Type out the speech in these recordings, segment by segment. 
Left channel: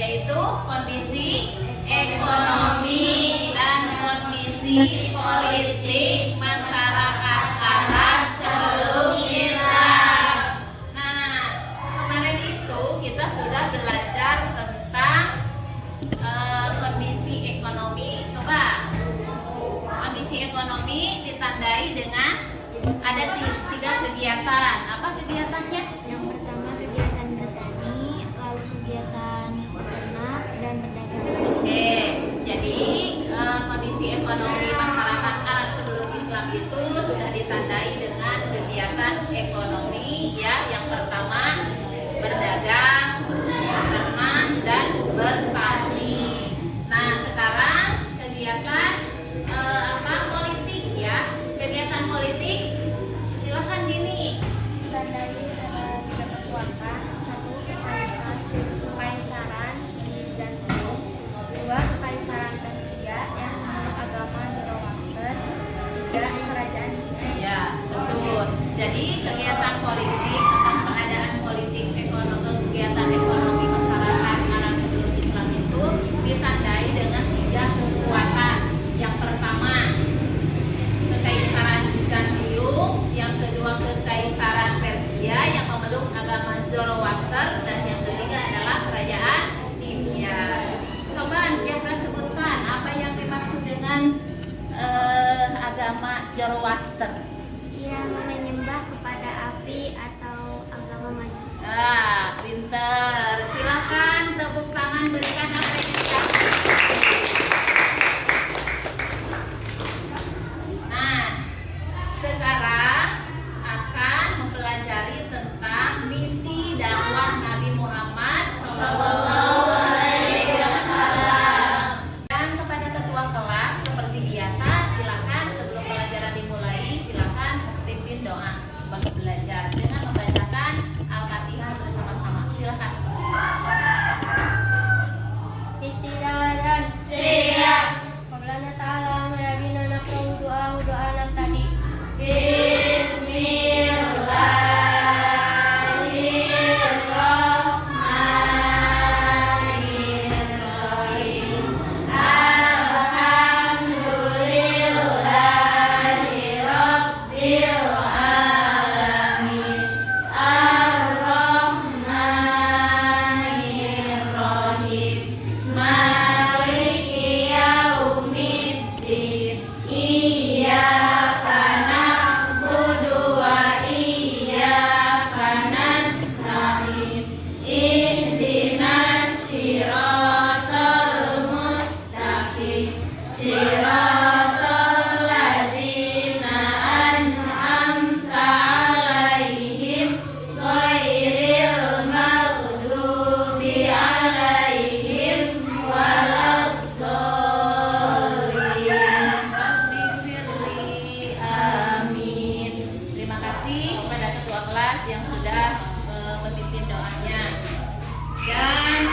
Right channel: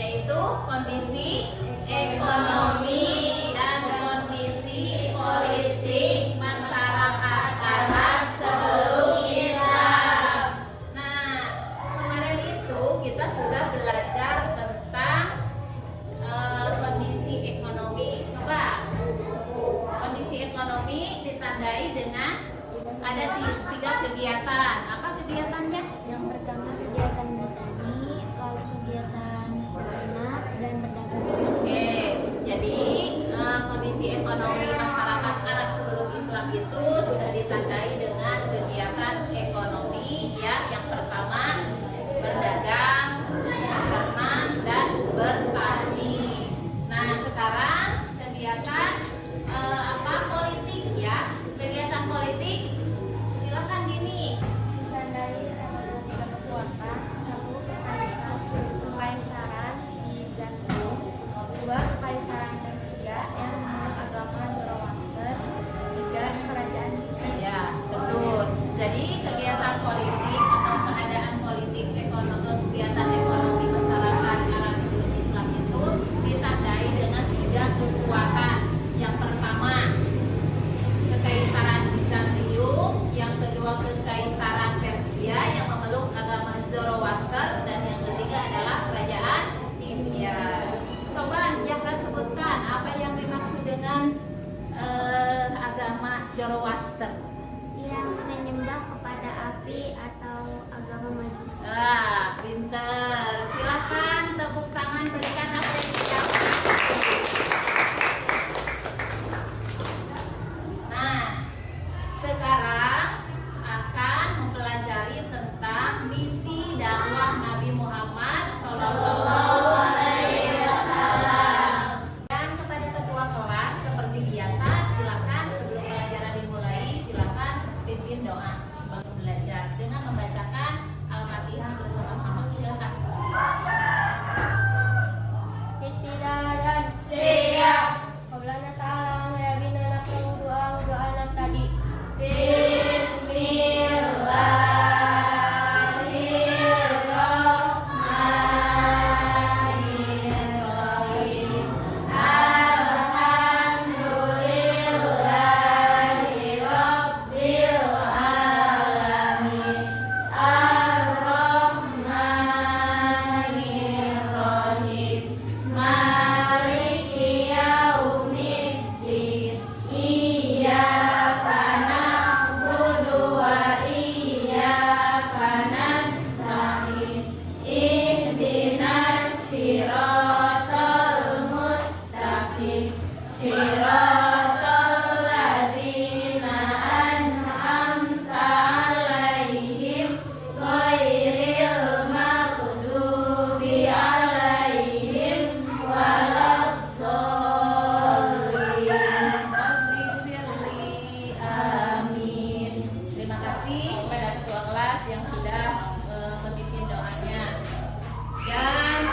yaitu kondisi ekonomi dan kondisi politik masyarakat Arab sebelum Islam. Nah, kemarin itu kita sudah belajar tentang kondisi ekonomi. Coba, kondisi ekonomi ditandai dengan ada tiga kegiatan. Apa kegiatannya? Yang pertama kegiatan bertani, lalu kegiatan ternak dan berdagang. Oke, jadi kondisi ekonomi masyarakat Arab sebelum Islam itu sudah ditandai dengan kegiatan ekonomi ya. Yang pertama berdagang, ternak dan bertani. Nah, sekarang kegiatan politik ya. Kegiatan politik silakan Dini. Ditandai ada tiga kekuatan, satu kekaisaran Bizantium, dua kekaisaran Persia yang memeluk agama Zoroaster, tiga kerajaan Inggris. Ya, betul. Jadi kegiatan politik atau keadaan politik kegiatan ekonomi masyarakat Arab sebelum Islam itu ditandai dengan tiga kekuatan. Yang pertama kekaisaran Bizantium, yang kedua kekaisaran Persia yang memeluk agama Zoroaster, dan yang ketiga adalah kerajaan India. Coba Jafra sebutkan apa yang dimaksud dengan agama Zoroaster. Yang menyembah kepada api atau agama Majusi. Ah, pinter. Silakan tepuk tangan, berikan apresiasi. Nah, sekarang akan mempelajari tentang misi dakwah Nabi Muhammad SAW. Dan kepada ketua kelas seperti biasa, silakan sebelum pelajaran dimulai, silakan pimpin doa bagi belajar dengan membacakan Al-Fatihah bersama-sama. Silakan. Istidaran Siap. Qablana ta'ala mayabina nasrau doa anak tadi. Bismillahirrahmanirrahim. Alhamdulillahi Rabbil alamin. Ar-Rahmanirrahim. Maliki yaumiddin. Iyyaka na'budu wa iyyaka nasta'in. Ihdinas siratal mustaqim. Siratal ladzina an'amta 'alaihim ghairil maghdubi 'alaihim waladdallin. Rabbifirli, amin. Terima kasih kepada ketua kelas yang sudah memimpin doanya. Dan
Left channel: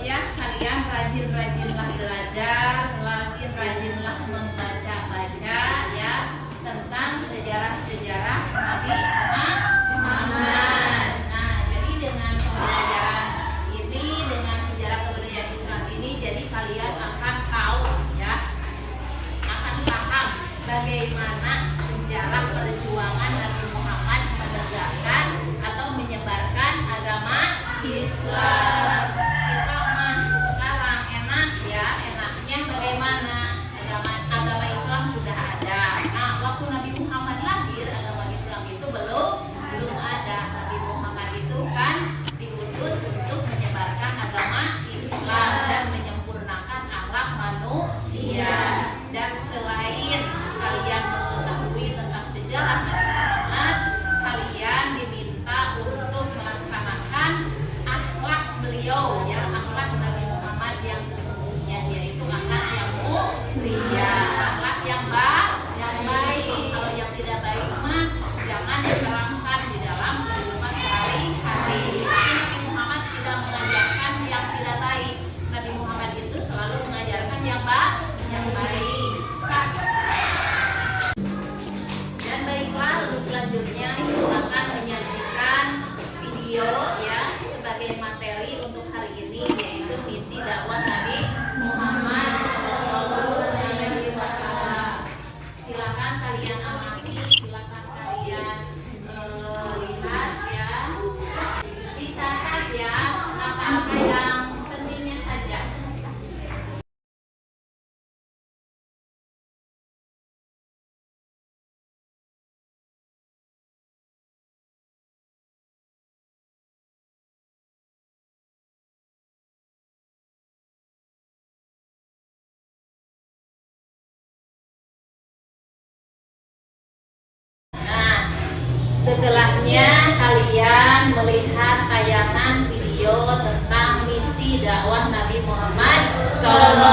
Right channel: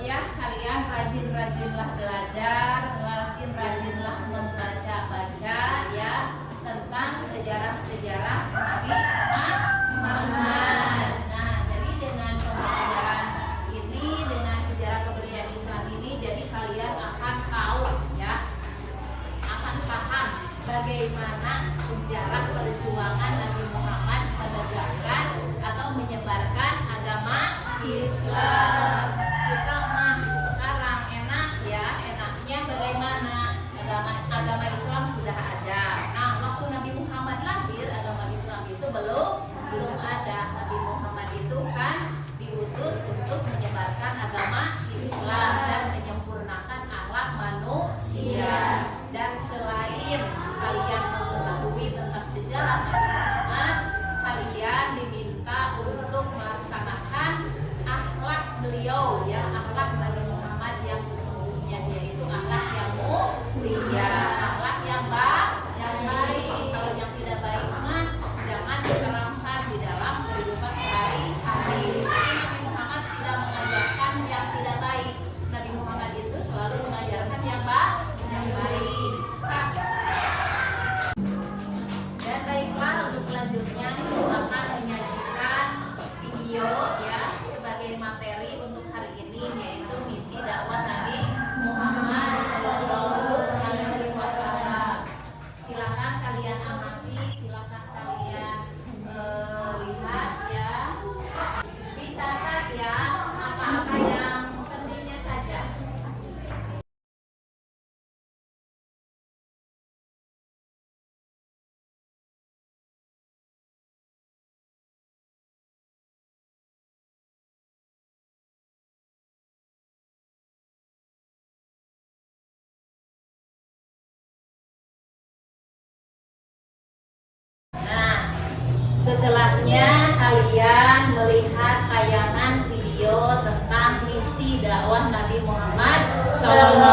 ya, kalian rajin-rajinlah belajar, rajin-rajinlah membaca-baca ya tentang sejarah-sejarah Nabi Muhammad. Nah, jadi dengan pembelajaran ini, dengan sejarah kebudayaan Islam ini, jadi kalian akan tahu ya, akan paham bagaimana sejarah perjuangan Nabi Muhammad menegakkan atau menyebarkan agama Islam. Kita mah sekarang enak ya, enaknya bagaimana agama Islam sudah ada. Nah, waktu Nabi Muhammad lahir agama Islam itu belum ada. Nabi Muhammad itu kan diutus untuk menyebarkan agama Islam dan menyempurnakan akhlak manusia. Dan selain kalian mengetahui tentang sejarah Nabi Muhammad,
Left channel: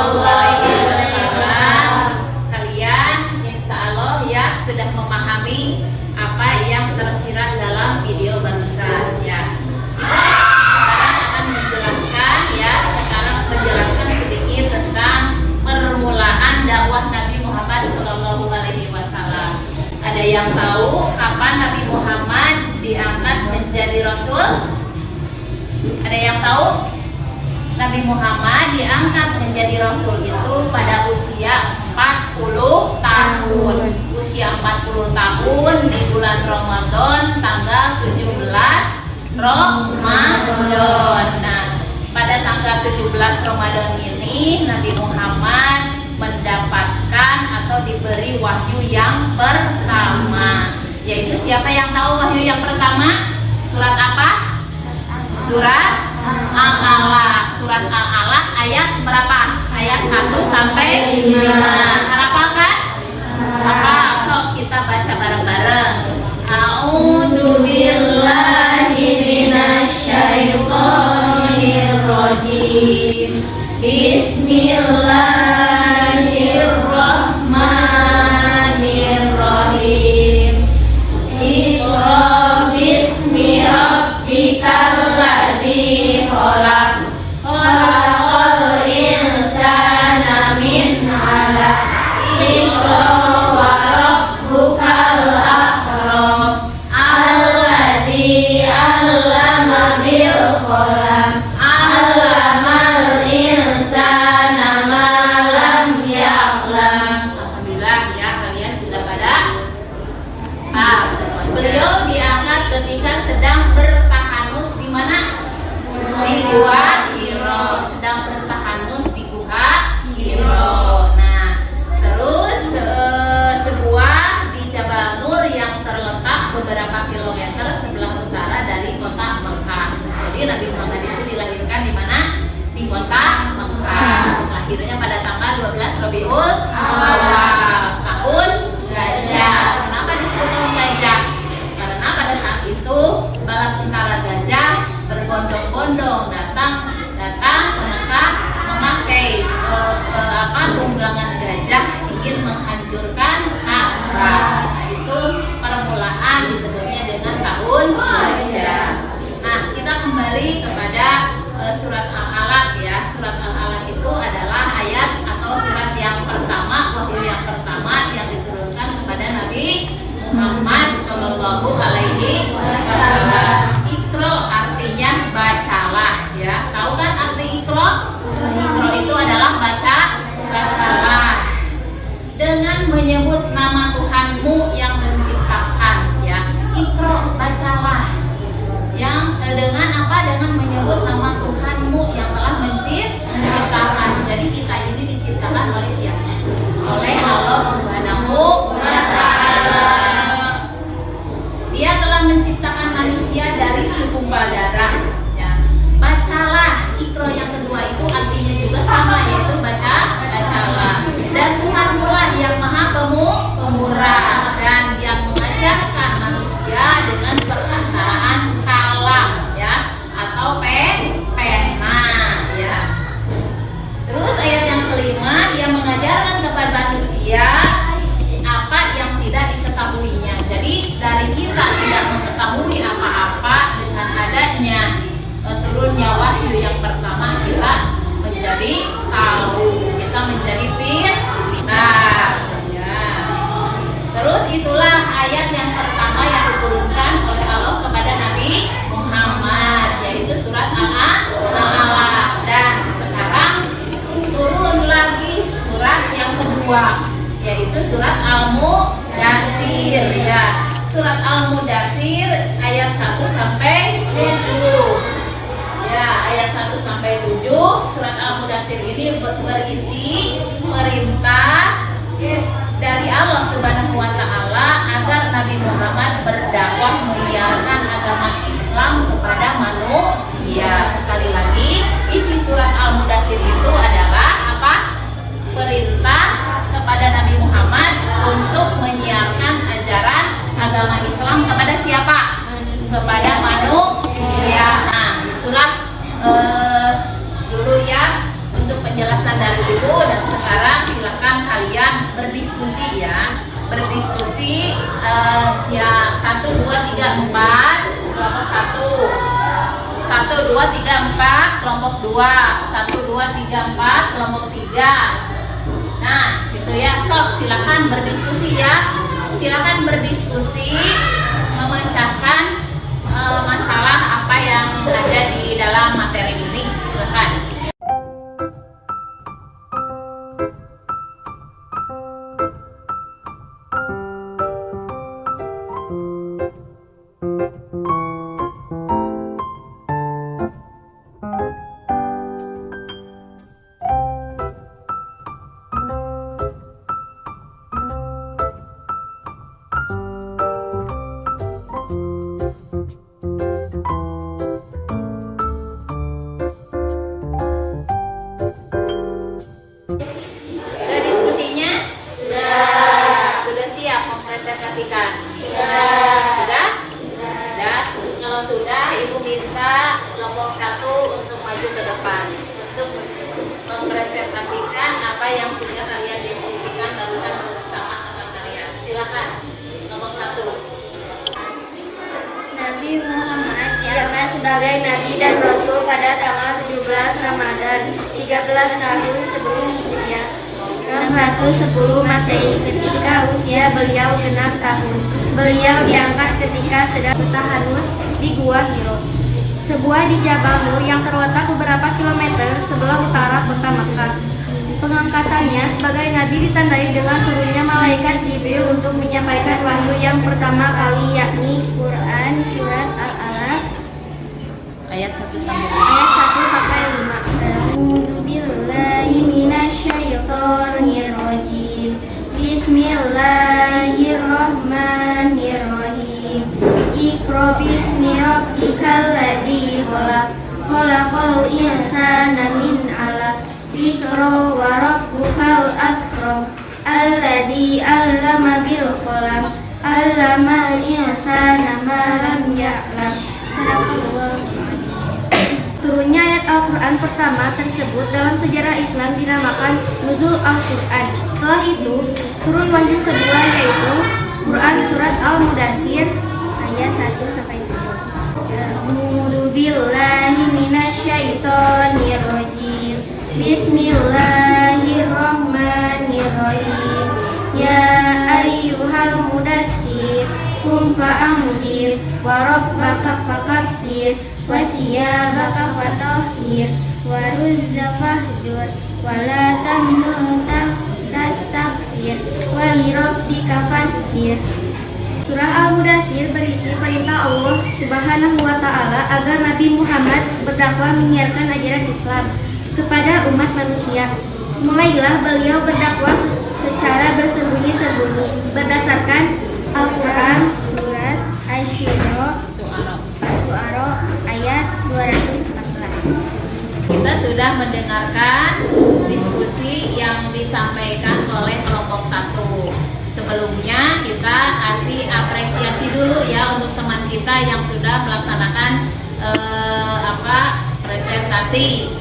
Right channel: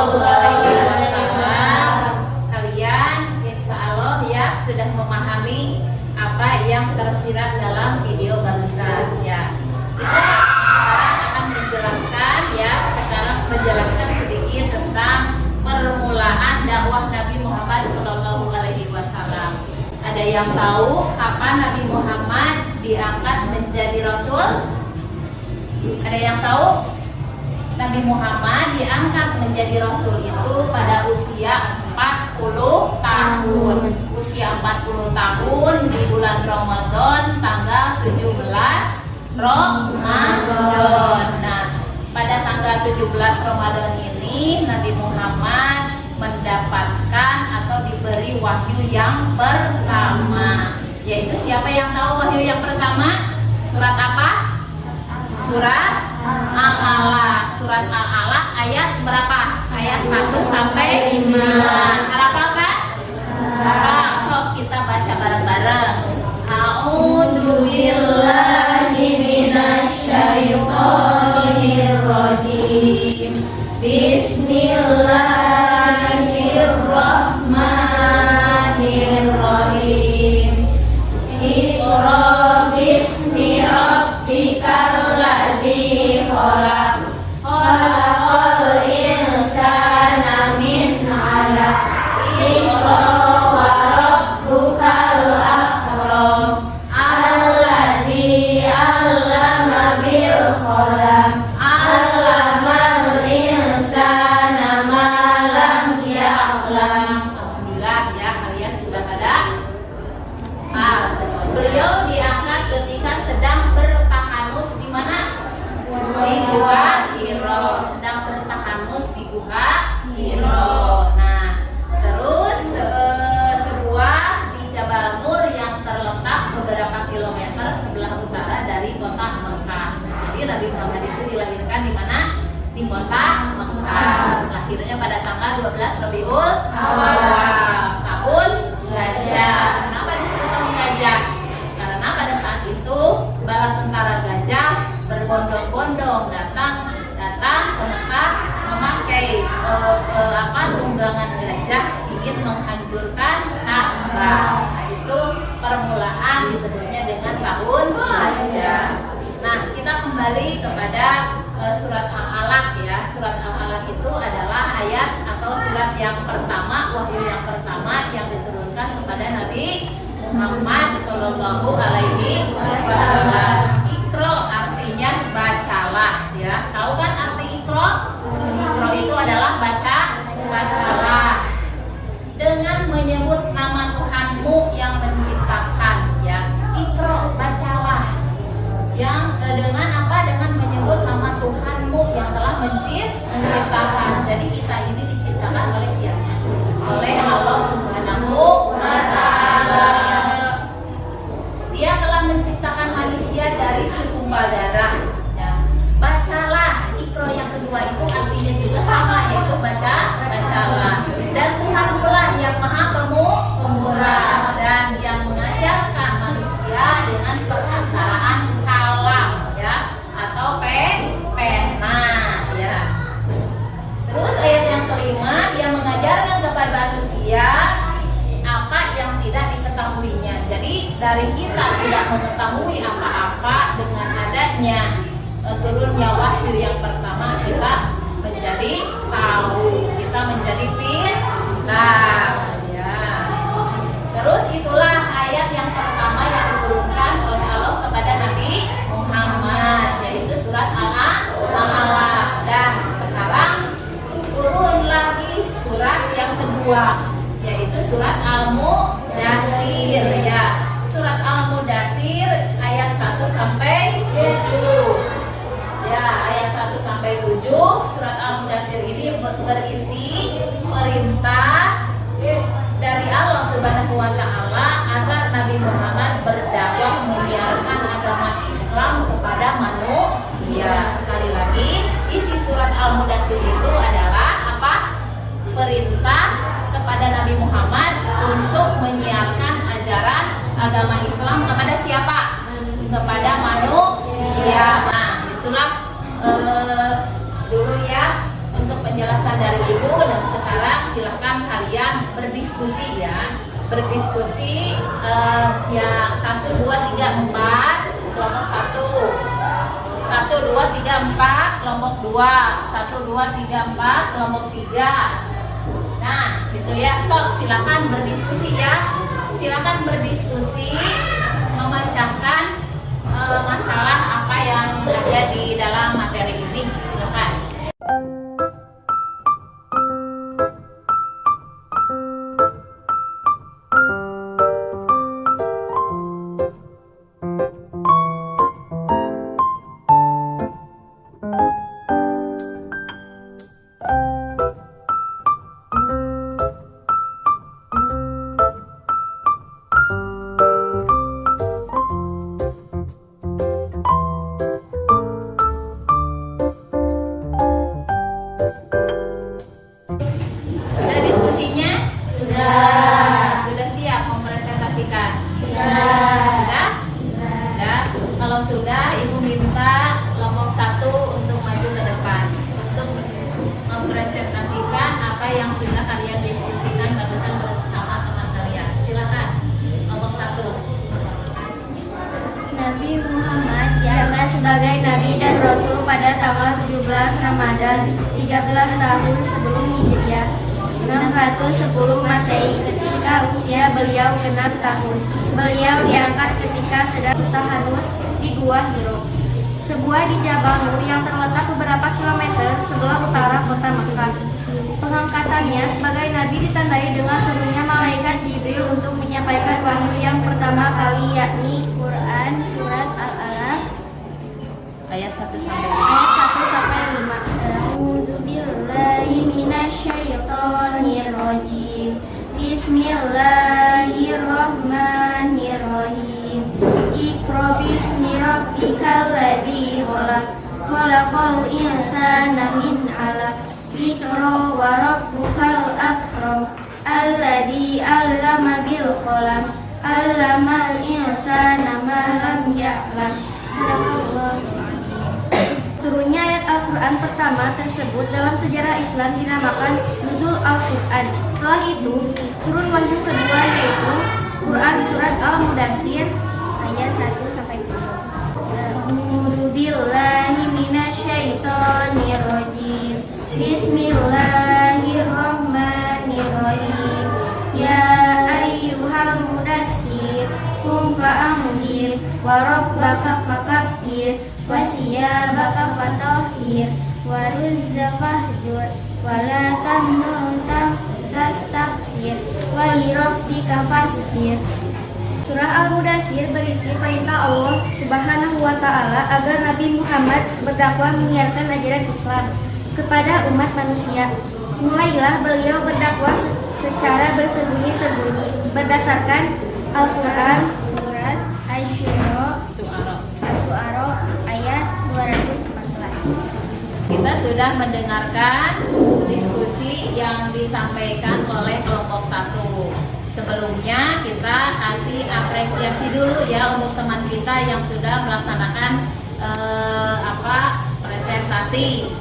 Shallallahu Alaihi Wasallam, kalian insya Allah ya sudah memahami apa yang tersirat dalam video barusan ya. Kita sekarang akan menjelaskan ya, sedikit tentang permulaan dakwah Nabi Muhammad Shallallahu Alaihi Wasallam. Ada yang tahu kapan Nabi Muhammad diangkat menjadi Rasul? Ada yang tahu? Nabi Muhammad diangkat menjadi Rasul itu pada usia 40 tahun. Usia 40 tahun di bulan Ramadan tanggal 17 Ramadan. Nah, pada tanggal 17 Ramadan ini Nabi Muhammad mendapatkan atau diberi wahyu yang pertama. Yaitu siapa yang tahu wahyu yang pertama? Surat apa? Surat Al-Alaq. Surat Al-Alaq ayat berapa? Ayat 1 sampai 5. Hafal kan? Hafal. Sok kita baca bareng-bareng. A'udzu billahi minasyaitonir rajim. Bismillahirrahmanirrahim. Iqra bismi rabbikal ladzi khalaq. Khalaqal insana min 'alaq. Iqra wa rabbukal akram. Alladzi 'allama bil qalam. 'Allamal insana ma lam ya'lam. Alhamdulillah ya, kalian sudah pada beliau diangkat ketika sedang bertahanus di mana? Di Gua Hiro, sedang bertahanus di Gua Hiro. Nah, terus sebuah di Jabal Nur yang terletak beberapa kilometer sebelah utara dari kota Mekah. Jadi Nabi Muhammad itu dilahirkan di mana? Di kota Mekah. Lahirnya pada tanggal 12 Rabiul Awal, tahun gajah. Kenapa disebut tahun gajah? Karena pada saat itu bala tentara gajah berbondong-bondong datang ke Mekah memakai tunggangan gajah ingin menghancurkan Ka'bah. Nah, itu permulaan disebutnya dengan tahun gajah. Nah, kita kembali kepada surat Al-Alaq ya. Surat Al-Alaq itu adalah ayat atau surat yang pertama, wahyu yang pertama yang diturunkan kepada Nabi Muhammad Shallallahu Alaihi Wasallam. Iqra artinya bacalah ya. Tahu kan arti Iqra? Iqra itu adalah bacalah. Dengan menyebut nama Tuhanmu yang menciptakan ya. Iqra, bacalah. Yang dengan apa? Dengan menyebut nama Tuhanmu yang telah menciptakan. Jadi kita ini diciptakan oleh siapa? Oleh Allah Subhanahu wa Ta'ala. Dia telah menciptakan manusia dari segumpal darah ya. Bacalah. Iqra yang kedua itu artinya juga sama, yaitu bacalah. Dan Tuhanmu lah yang maha pemurah dan yang mengajarkan manusia dengan perantaraan kalam ya, atau pena ya. Terus ayat yang kelima, dia mengajarkan kepada manusia apa yang tidak diketahuinya. Jadi dari kita tidak mengetahui apa-apa, dengan adanya turunnya wahyu yang pertama kita menjadi tahu, kita menjadi pintar ya. Terus itulah ayat yang pertama yang diturunkan oleh Allah kepada Nabi Muhammad, yaitu surat Al-Alaq. Dan sekarang turun lagi surat yang kedua, yaitu surat Al-Mudaththir ya. Surat Al-Mudaththir ayat 1 sampai 7. Ya, ayat 1 sampai 7. Surat Al-Mudaththir ini berisi perintah dari Allah Subhanahu wa Ta'ala agar Nabi Muhammad berdakwah menyiarkan agama Islam kepada manusia. Sekali lagi, isi surat Al-Mudaththir itu adalah apa? Perintah kepada Nabi Muhammad untuk menyiarkan ajaran agama Islam kepada siapa? Kepada manusia. Nah, itulah dulu ya untuk penjelasan penjelasan dari Ibu, dan sekarang silakan kalian berdiskusi ya. Berdiskusi ya 1, 2, 3, 4 kelompok 1. 1, 2, 3, 4 kelompok 2. 1, 2, 3, 4 kelompok 3. Nah, gitu ya. Sob, silakan berdiskusi ya. Silakan berdiskusi, memecahkan masalah apa yang ada di dalam materi ini. Silakan. Sudah diskusinya? Sudah siap mempresentasikan? Sudah? Kalau sudah, Ibu minta kelompok 1 untuk maju ke depan untuk mempresentasikan apa yang sudah kalian diskusikan barusan bersama teman kalian. Silakan, kelompok 1. Nabi Muhammad diangkat sebagai Nabi dan Rasul pada tanggal 17 Ramadan 13 tahun sebelum Hijriah 610 Masehi. Ketika usia beliau genap tahun, beliau diangkat ketika sedang bertahanus di Gua Hiro, sebuah di Jabal Nur yang terletak beberapa kilometer sebelah utara kota Makkah. Pengangkatannya sebagai Nabi ditandai dengan turunnya malaikat Jibril untuk menyampaikan wahyu yang pertama kali, yakni Quran surat Al-Alaq Ayat 1 sampai 5. A'udzubillahi minasyaitonirrajim. Bismillahirrahmanirrahim. Iqra bismi rabbikal ladzi khalaq. Khalaqal insana min 'alaq. Iqra wa rabbukal akram. Alladzi 'allama bil qalam. 'Allamal insana ma lam ya'lam. Sadaqallahu. Turunnya ayat Al-Quran pertama tersebut dalam sejarah Islam dinamakan Nuzul Al-Quran. Setelah itu, turun wahyu kedua yaitu Quran di surat Al-Mudassir ayat 1 sampai 7. A'udzu billahi minasyaitonir rajim. Bismillahirrahmanirrahim. Ya ayyuhal mudassir qum fa'anzir wa rabbaka fakabbir wasiyabaka fatahhir waruzza fahjur wala tamnun tastaksir walirabbika fasbir. Surah Al-Mudassir berisi perintah Allah Subhanahu wa Ta'ala agar Nabi Muhammad berdakwah menyiarkan ajaran Islam kepada umat manusia. Mulailah beliau berdakwah secara bersembunyi-sembunyi berdasarkan Al-Quran surat Asy-Syu'ara ayat 214. Kita sudah mendengarkan diskusi yang disampaikan oleh kelompok 1. Sebelumnya kita kasih apresiasi dulu ya untuk teman kita yang sudah melaksanakan presentasi.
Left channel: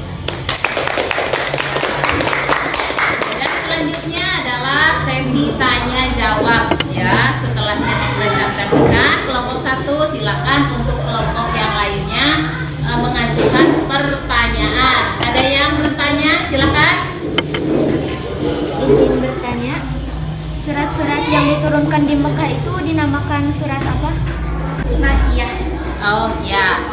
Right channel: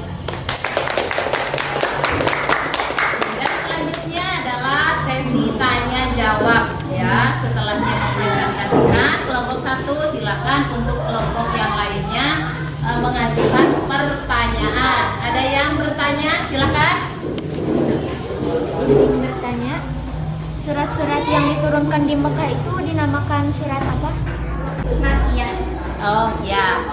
Dan selanjutnya adalah sesi tanya jawab ya. Setelah mempresentasikan kelompok 1, silakan untuk kelompok yang lainnya mengajukan pertanyaan. Ada yang bertanya? Silakan. Izin bertanya, surat-surat yang diturunkan di Mekah itu dinamakan surat apa? Makkiyah. Oh ya,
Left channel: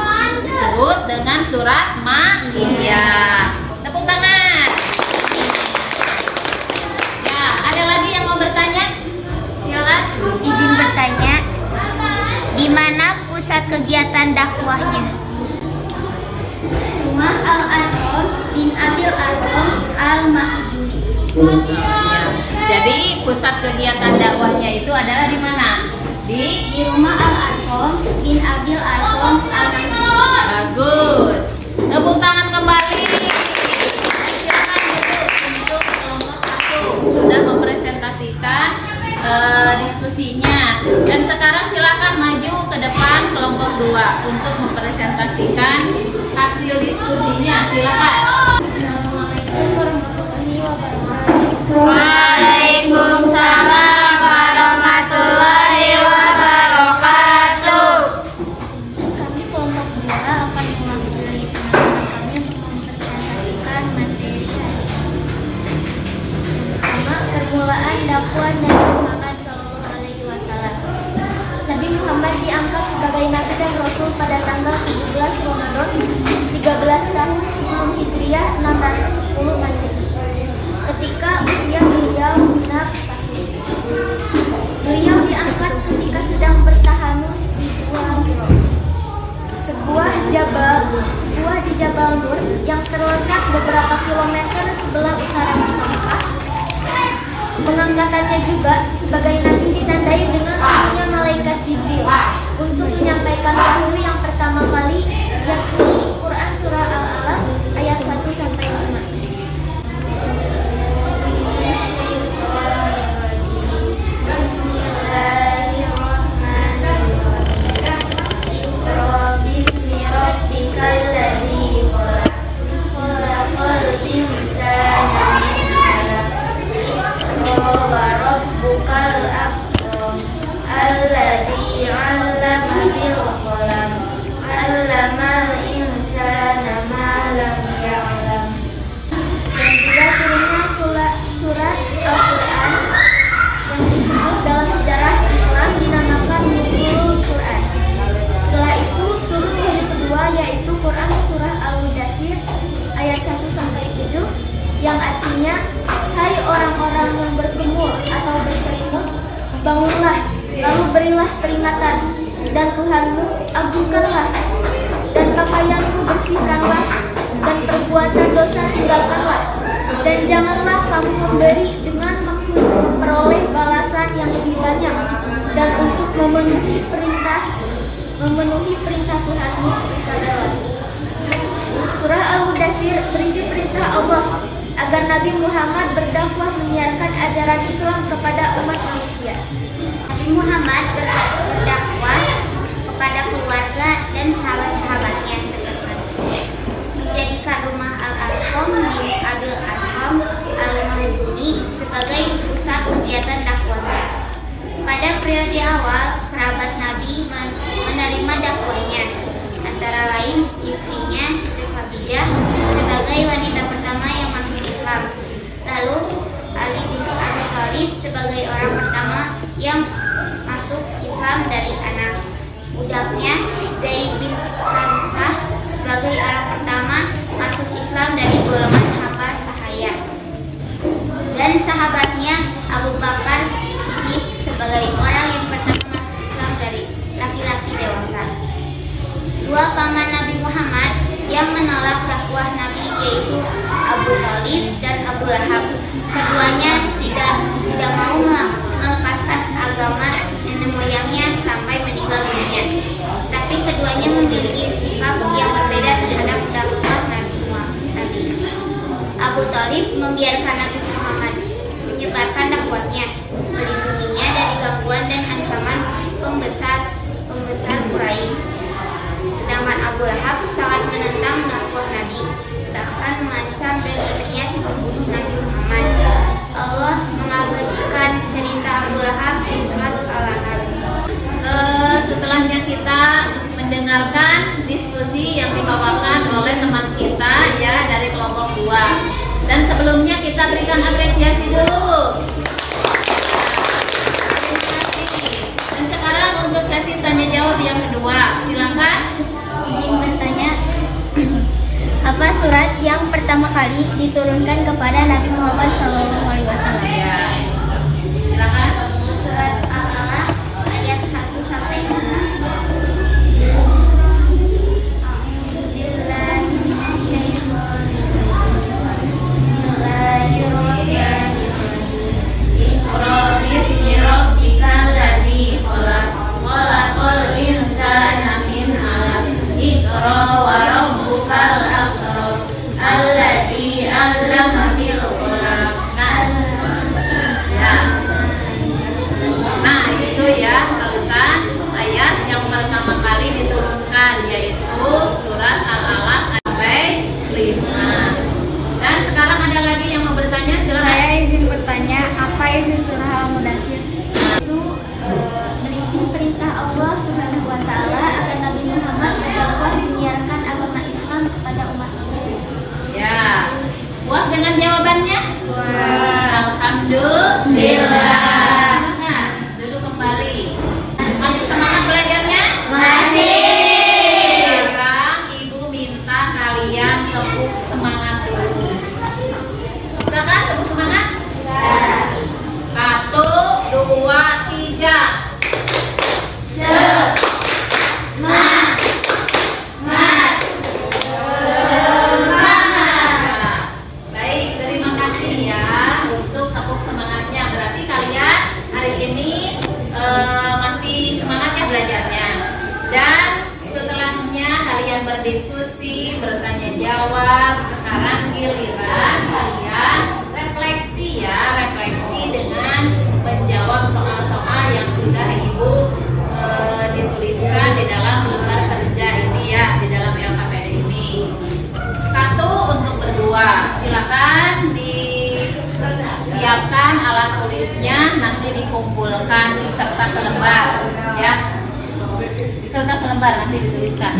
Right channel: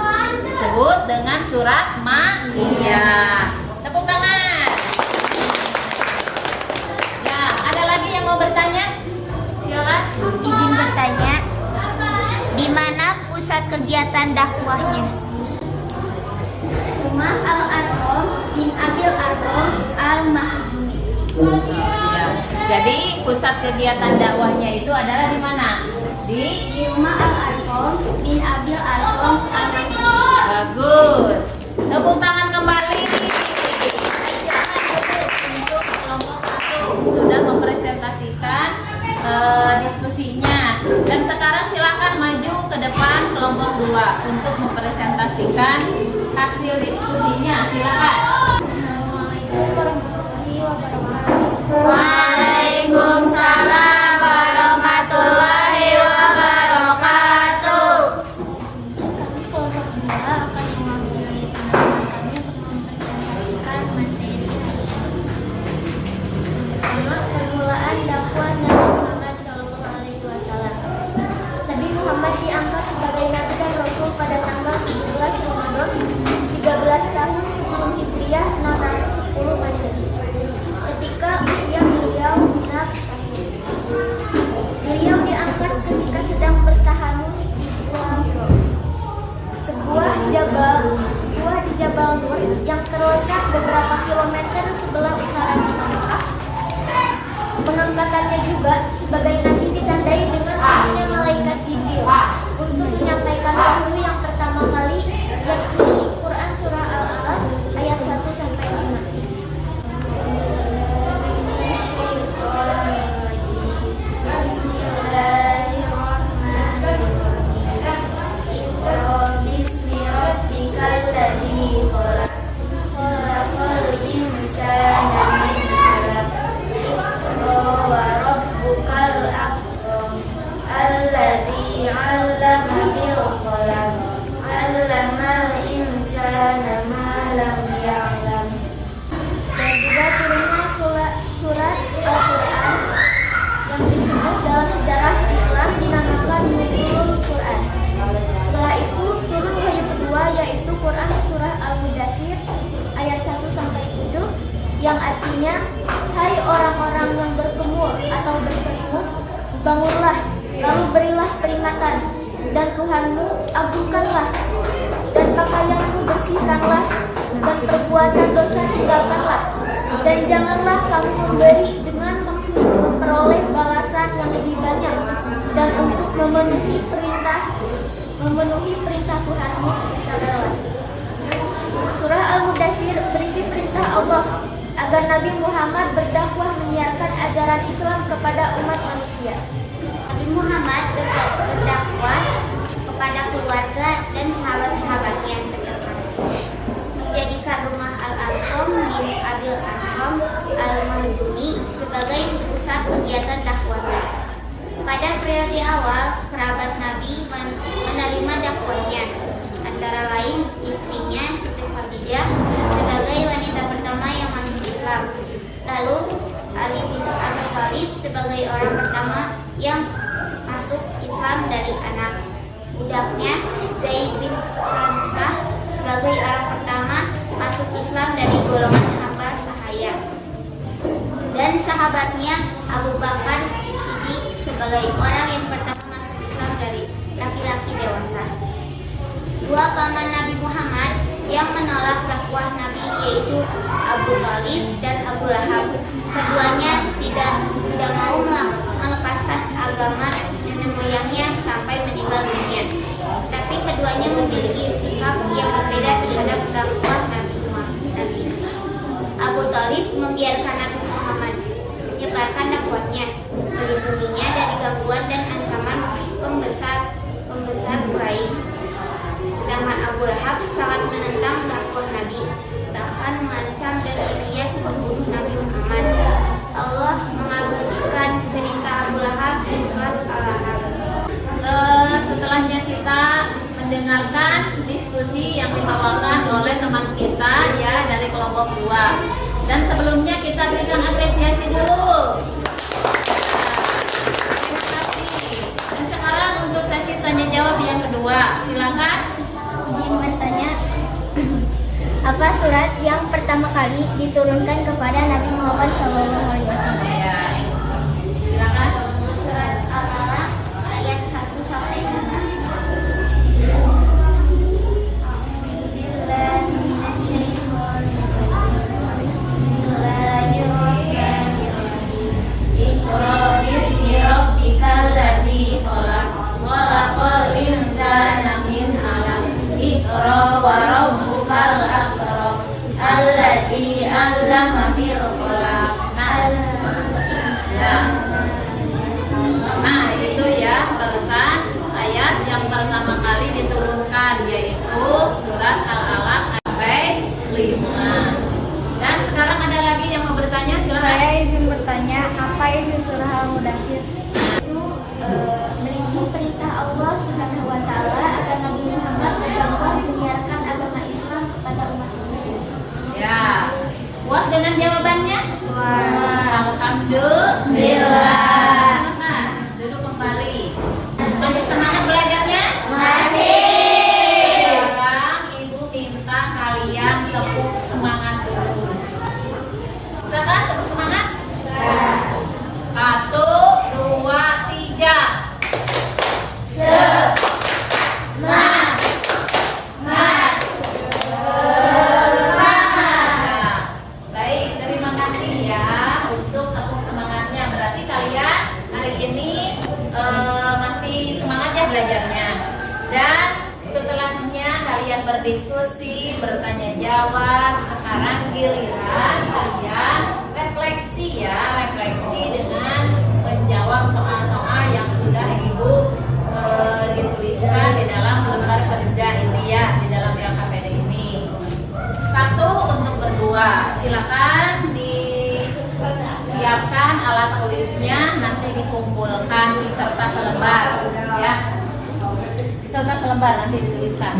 disebut dengan surat Makkiyah. Tepuk tangan. Ya, ada lagi yang mau bertanya? Silakan. Izin bertanya, di mana pusat kegiatan dakwahnya? Rumah Al-Arqam bin Abil Arqam Al-Mahjumi. Jadi pusat kegiatan dakwahnya itu adalah di mana? Di rumah Al-Arqam bin Abil Arqam Al-Mahjumi. Bagus. Tepuk tangan kembali. Silakan untuk kelompok 1 sudah mempresentasikan diskusinya. Dan sekarang silakan maju ke depan kelompok 2 untuk mempresentasikan hasil diskusinya. Silakan. Assalamualaikum warahmatullahi wabarakatuh. Waalaikumsalam warahmatullahi wabarakatuh. Kami kelompok 2 akan mewakili teman-teman kami untuk mempresentasikan materi hari ini. Pertama, permulaan dakwah Nabi Muhammad SAW. Nabi Muhammad diangkat sebagai Nabi dan Rasul pada tanggal 17 Ramadan 13 tahun sebelum Hijriah 610 Masehi. Ketika usia beliau 6 tahun. Beliau diangkat ketika sedang bertahanus di Gua Hiro, sebuah di Jabal Nur yang terletak beberapa kilometer sebelah utara kota Mekah. Pengangkatannya juga sebagai nabi ditandai dengan turunnya malaikat Jibril untuk menyampaikan wahyu yang pertama kali, yakni Quran surah Al-Alaq ayat 1 sampai 5. Dan juga turunnya surat Al-Quran yang disebut dalam sejarah Islam dinamakan Nuzulul Quran. Setelah itu turun wahyu kedua, yaitu Quran surah Al-Mudaththir ayat 1 sampai 7 yang artinya, hai orang-orang yang bergemul atau berselimut, bangunlah, lalu berilah peringatan, dan Tuhanmu agungkanlah, dan pakaianmu bersihkanlah, dan perbuatan dosa tinggalkanlah, dan janganlah kamu memberi dengan maksud memperoleh balasan yang lebih banyak, dan untuk memenuhi perintah Tuhanmu, bersabarlah. Surah Al-Mudaththir berisi perintah Allah agar Nabi Muhammad berdakwah menyiarkan ajaran Islam kepada umat manusia. Nabi Muhammad berdakwah kepada keluarga dan sahabat-sahabatnya terdekat, menjadikan rumah Al-Arqam bin Abil Arqam Al-Makhzumi sebagai pusat kegiatan dakwahnya. Pada periode awal, kerabat Nabi menerima dakwahnya, antara lain istrinya Siti Khadijah sebagai wanita pertama yang masuk Islam, lalu Ali bin Abi Thalib sebagai orang pertama yang masuk Islam dari anak budaknya, Zaid bin Harithah sebagai orang pertama masuk Islam dari golongan hamba sahaya, dan sahabatnya Abu Bakar Siddiq sebagai orang yang pertama masuk Islam dari laki-laki dewasa. Dua paman Nabi Muhammad yang menolak dakwah Nabi yaitu Abu Thalib dan Abu Lahab. Keduanya tidak mau melepaskan agama nenek moyangnya sampai meninggal dunia. Tapi keduanya memiliki sikap yang berbeda terhadap dakwah Nabi. Abu Thalib membiarkan Nabi Muhammad menyebarkan dakwahnya, melindunginya dari gangguan dan ancaman pembesar Quraisy. Sedangkan Abu Lahab sangat menentang dakwah Nabi, bahkan mengancam dan berniat membunuh Nabi Muhammad. Allah mengabadikan cerita Abu Lahab di surat Al-Lahab. Setelahnya kita mendengarkan diskusi yang dibawakan oleh teman kita ya dari kelompok 2. Dan sebelumnya kita berikan apresiasi dulu. Terima kasih. Dan sekarang untuk sesi tanya jawab yang kedua, silakan. Izin bertanya, apa surat yang pertama kali diturunkan kepada Nabi Muhammad SAW? Ya. Silakan. Surat Al-Alaq ayat 1 sampai 5. Iqra bismi rabbikal ladzi khalaq, khalaqal insana min 'alaq. Iqra wa rabbukal akram, alladzi 'allama bil qalam. Nah, itu ya barusan ayat yang pertama kali diturunkan, yaitu surat Al-Alaq sampai 5. Dan sekarang ada lagi yang mau bertanya? Silakan. Saya izin bertanya, apa isi surah Al-Mudaththir? Itu berisi perintah Allah Subhanahu wa taala agar Nabi Muhammad berdakwah menyiarkan agama Islam kepada umat manusia. Ya. Puas dengan jawabannya? Puas. Alhamdulillah. Nah, duduk kembali. Masih semangat belajarnya? Masih. Sekarang Ibu minta kalian tepuk semangat dulu. Bisa kan tepuk semangat? Satu, dua, tiga. Nah, baik, terima kasih ya untuk tepuk semangatnya. Berarti kalian hari ini masih semangat ya belajarnya. Dan setelahnya kalian berdiskusi, bertanya jawab. Sekarang giliran kalian refleksi ya, refleksi dengan menjawab soal-soal yang sudah Ibu dituliskan di dalam lembar kerja ini ya, di dalam LKPD ini. Satu untuk berdua, silakan disiapkan alat tulisnya, nanti dikumpulkan di kertas selembar ya, di kertas selembar nanti dituliskan.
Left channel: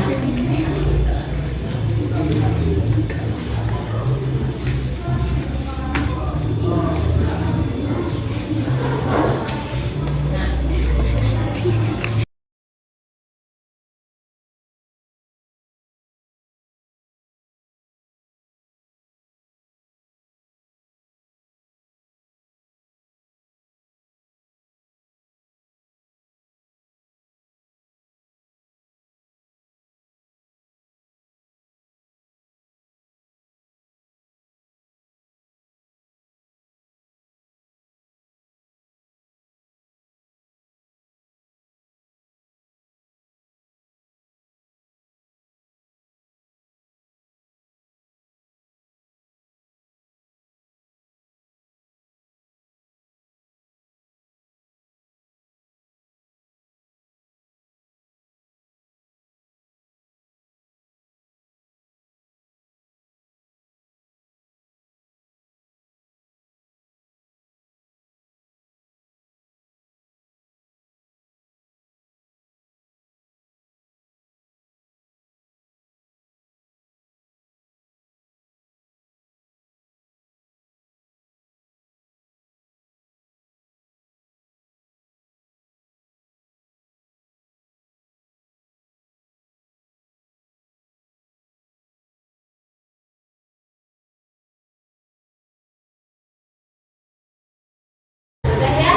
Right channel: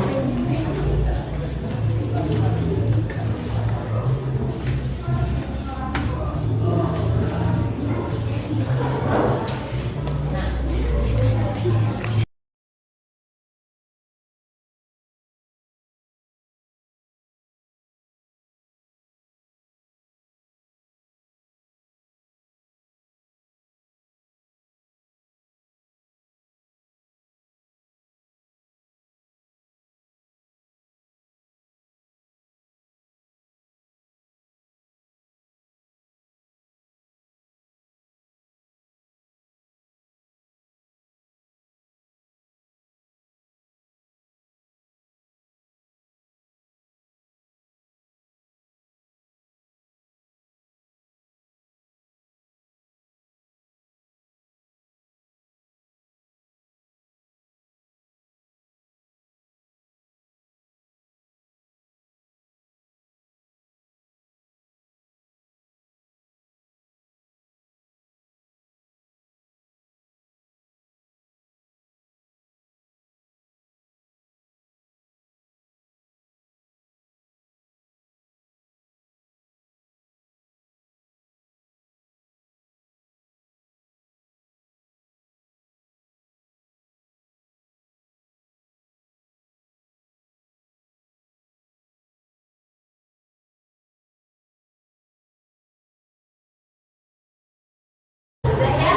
Sudah ya?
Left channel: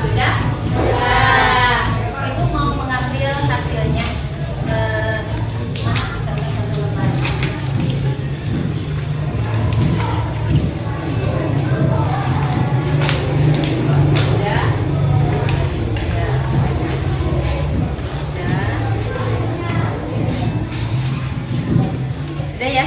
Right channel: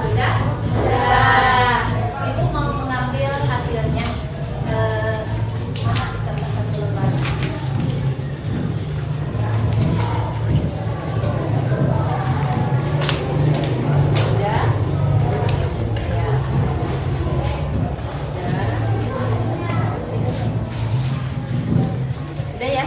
Sudah? Nah, Ibu mau mengambil hasilnya. Mana kita satu lembar. Sudah? Ya. Sudah ya?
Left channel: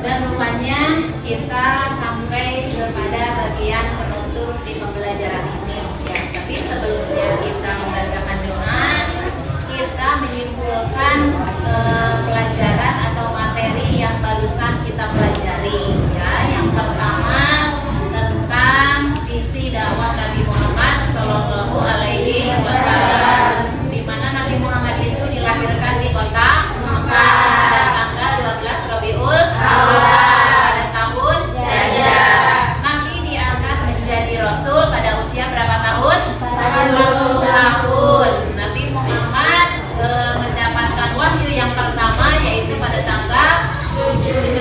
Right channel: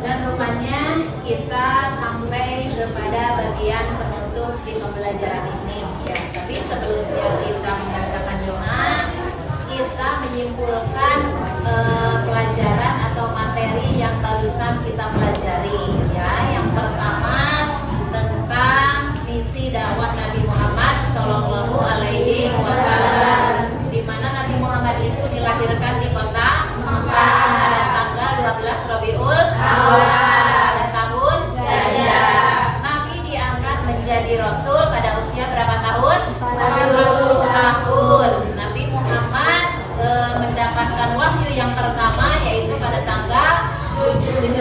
Dan rupanya kita sampai kepada bagian penutup di pembelajaran ini ya. Tapi sebelumnya kita membacakan doa, kita menyimpulkan pelajaran atau materi yang barusan kita pelajari ya. Yang pertama tentang visi dakwah Nabi Muhammad Shallallahu Alaihi Wasallam, di mana Nabi Muhammad itu dilahirkan di kota Mekah pada tanggal 12 Rabiul Awal pada tahun Gajah. Nabi diangkat menjadi Rasul pada usia berapa tahun? 40 tahun. Nabi Muhammad mendapatkan wahyu yang pertama yaitu pada tanggal 17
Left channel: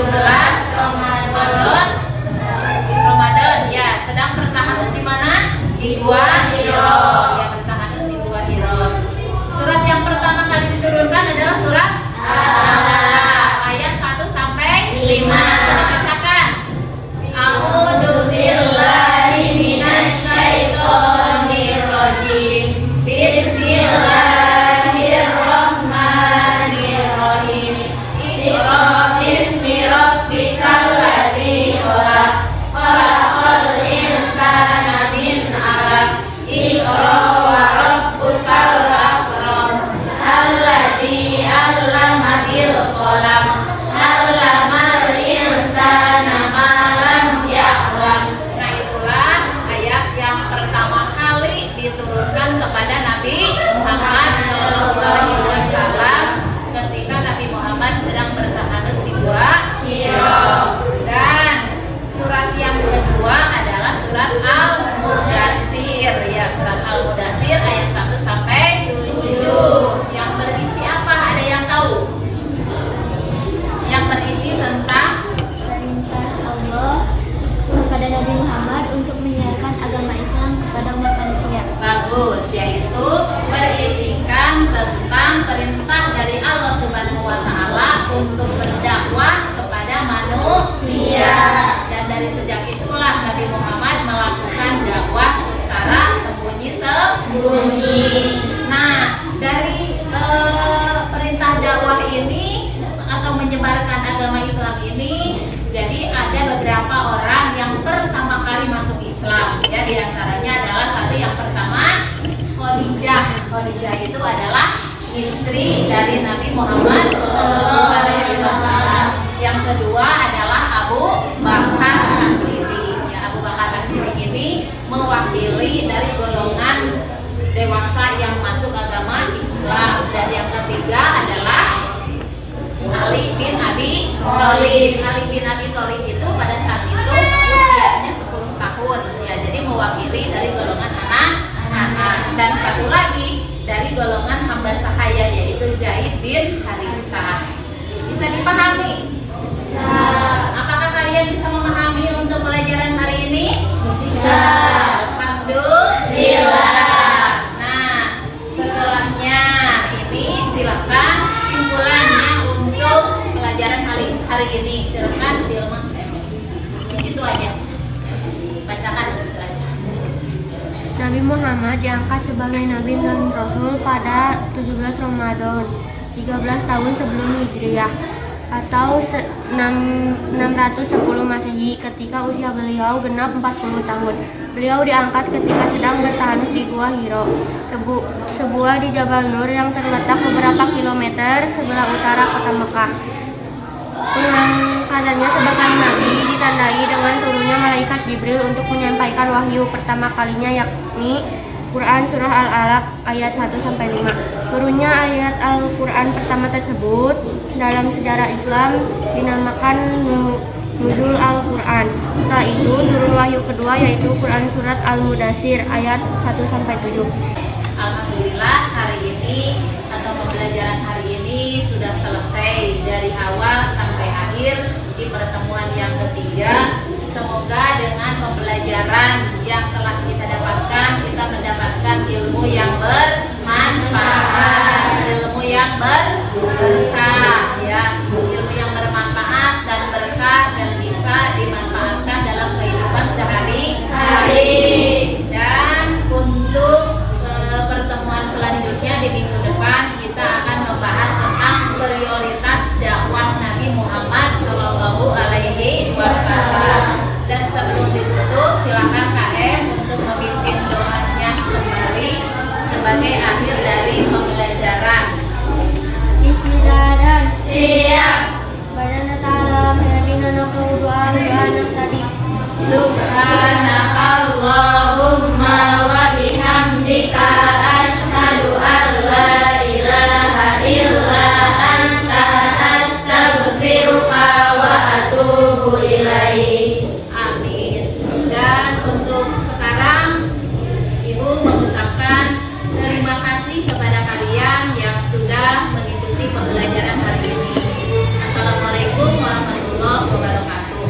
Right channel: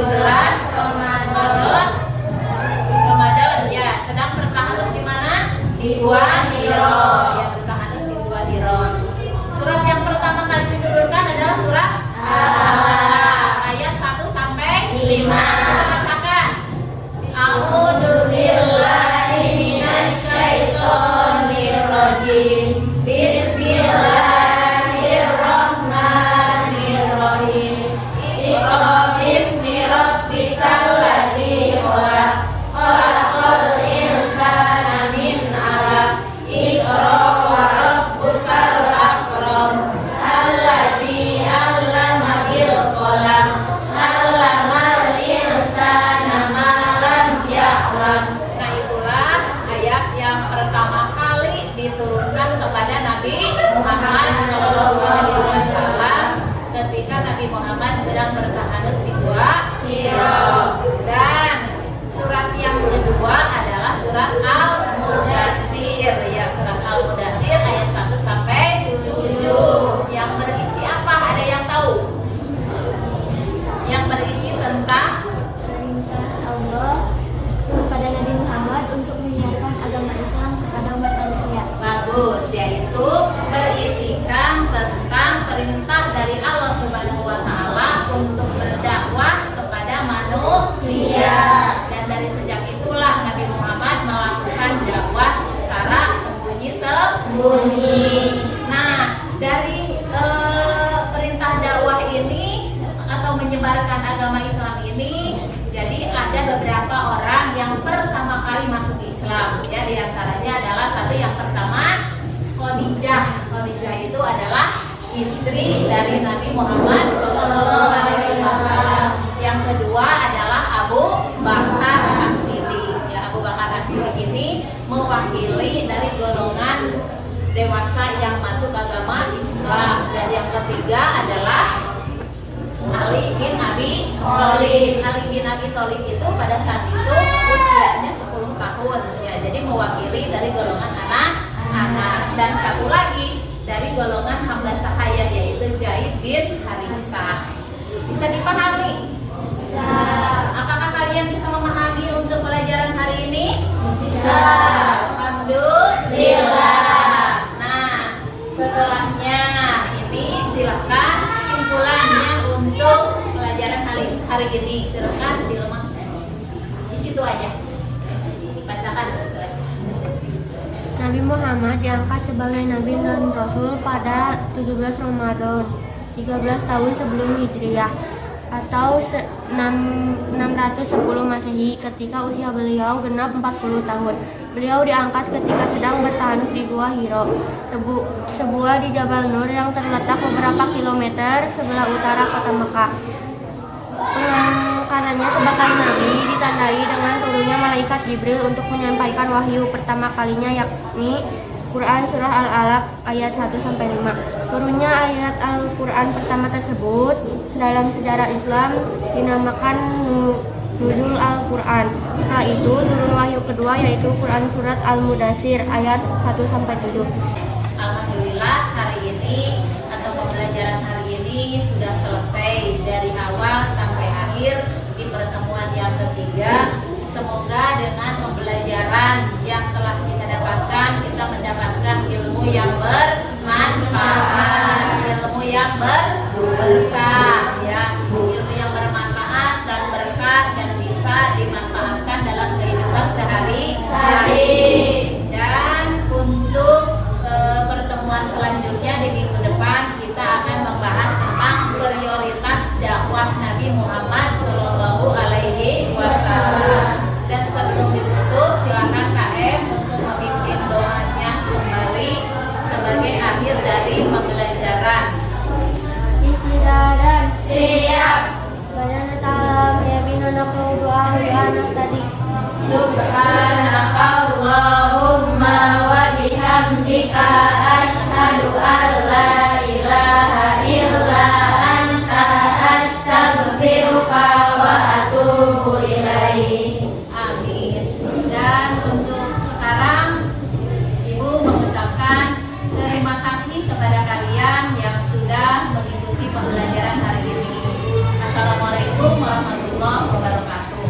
Ya, dan dari sejak itulah Nabi Muhammad melakukan dakwah secara sembunyi-sembunyi. Nah, dari perintah dakwah ini atau menyebarkan agama Islam ini, jadi ada beberapa orang yang pertama kali masuk Islam. Ya, diantaranya adalah satu yang pertama Khadijah. Khadijah itu adalah istri dari Nabi Muhammad SAW. Yang kedua adalah Abu Bakar As-Siddiq. Ya, Abu Bakar As-Siddiq ini mewakili dari golongan dewasa yang masuk agama Islam. Dan yang ketiga adalah Ali bin Abi Thalib. Ali bin Abi Thalib itu pada saat itu usianya 10 tahun. Ya, jadi mewakili dari golongan anak-anak. Dan satu lagi dari golongan hamba sahaya, yaitu Zaid bin Harisah. Bisa dipahami? Apakah kalian bisa memahami untuk pelajaran hari ini? Bisa. Alhamdulillah. Nah, setelahnya ini silakan simpulannya untuk pelajaran hari ini. Silakan Silman. Di situ aja. Bacakan di situ aja. Nabi Muhammad diangkat sebagai Nabi dan Rasul pada 17 Ramadan 13 tahun sebelum Hijriah atau 610 Masehi, ketika usia beliau genap 40 tahun. Beliau diangkat ketika sedang bertahanus di Gua Hiro, sebuah di Jabal Nur yang terletak beberapa kilometer sebelah utara kota Mekah. Pengangkatannya sebagai nabi ditandai dengan turunnya malaikat Jibril untuk menyampaikan wahyu pertama kalinya, yakni Quran Surah Al-Alaq ayat 1-5. Turunnya ayat Al-Quran pertama tersebut dalam sejarah Islam dinamakan Nuzul Al-Quran. Setelah itu turun wahyu kedua, yaitu Quran Surat Al-Mudathir ayat 1-7. Alhamdulillah, hari ini atau pembelajaran hari ini sudah selesai dari awal sampai akhir di pertemuan yang ketiga. Semoga dengan pembelajaran yang telah kita dapatkan, kita mendapatkan ilmu yang bermanfaat, ilmu yang berkah, ya, ilmu yang bermanfaat dan berkah dan bisa dimanfaatkan dalam kehidupan sehari-hari. Dan untuk pertemuan selanjutnya di minggu depan kita akan membahas tentang prioritas dakwah Nabi Muhammad Shallallahu Alaihi Wasallam. Dan sebelum ditutup, silakan KM untuk memimpin doanya kembali sebagai akhir dari pembelajaran. Bismillah dan Siap. Badan ta'ala ya binana doa anak tadi. Subhanakallahumma wa bihamdika asyhadu an la ilaha illa anta astaghfiruka wa atubu ilaik. Amin. Dan untuk sekarang Ibu mengucapkan terima kasih kepada kalian yang sudah mengikuti pembelajaran hari ini. Assalamualaikum warahmatullahi wabarakatuh.